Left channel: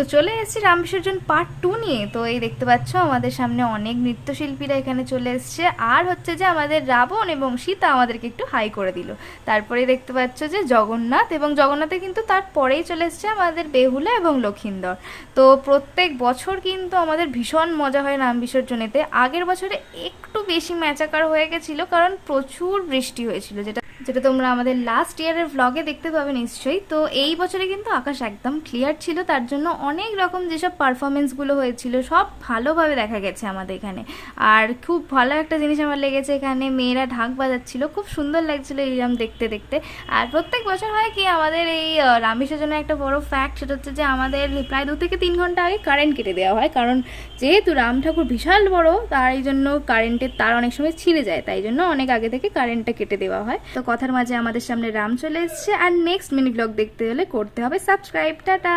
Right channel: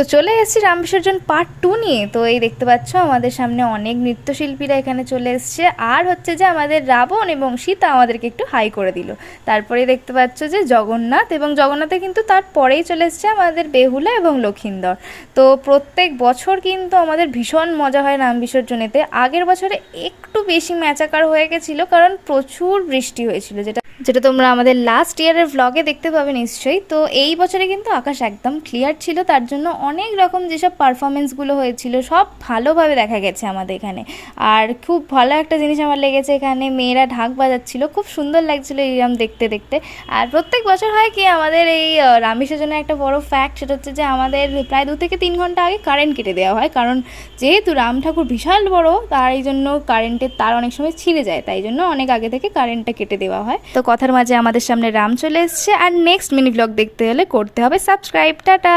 তো চলে এসেছি রাম বিসর্জন পার্ট 2 নিয়ে। তো এই দেখতে পাচ্ছ আমাদের সামনে অনেক নৃত্যশিল্পীরা এখানে চলে এসছে, আর হচ্ছে যে আমাদের রাবণ এবং সীতা আমাদেরকে একটু হাই করে দিল। তারপরে দেখতে পাচ্ছ যে জগন্নাথ, এবং জগন্নাথে কিন্তু তারপরেই চলে এসছে আমাদের বেহুলা এবং লক্ষিন্দর। তো প্রত্যেক বছর কিন্তু আমাদের ভীষণ মজা হয় রাম বিসর্জনেতে। আগের বছরে একটু বেশি ম্যাচাকার হয়ে গেছিলো, কারণ প্রচুর বৃষ্টি হয়েছিল, যেটা তোমরা আমাদের লাস্ট ইয়ারের ভ্লগে দেখতে পাবে নিশ্চয়ই। তো এই বছরে কিন্তু আকাশ একদম ক্লিয়ার ছিল, তার জন্য অনেক রকম যেসব পারফরমেন্সগুলো হয়েছিল সব ভালোভাবে দেখা গেছে আমাদের এখানে। আর খুব ভালো একটা জিনিস আমার লেগেছে, এখানে মেয়েরা ঢাক বাজাচ্ছিল, খুব সুন্দর লাগছিলো এইরকম দেখতে দেখতে। আর প্রত্যেক বছর হয় কি, আমাদের এই রাম বিসর্জনের একটা বড় ফ্যাক্ট, সেটা হচ্ছে যে আমাদের প্রায় 2 থেকে 3 ঘন্টা আগে কারেন্ট কেটে দেওয়া হয়, কারণ যেহেতু রাম ঠাকুর বিশাল বড়, তার এই জন্য কারেন্টের তার অনেক সময় ছিঁড়ে যায়, তাই জন্য অনেক আগে থেকে কারেন্টটা কেটে দেওয়া হয়। তো কথার মাঝে আমাদের সামনে রাম চলে এসছে, আর নেক্সট মিনি ব্লগ দেখতে হলে করতে হবে সাবস্ক্রাইব। টাটা।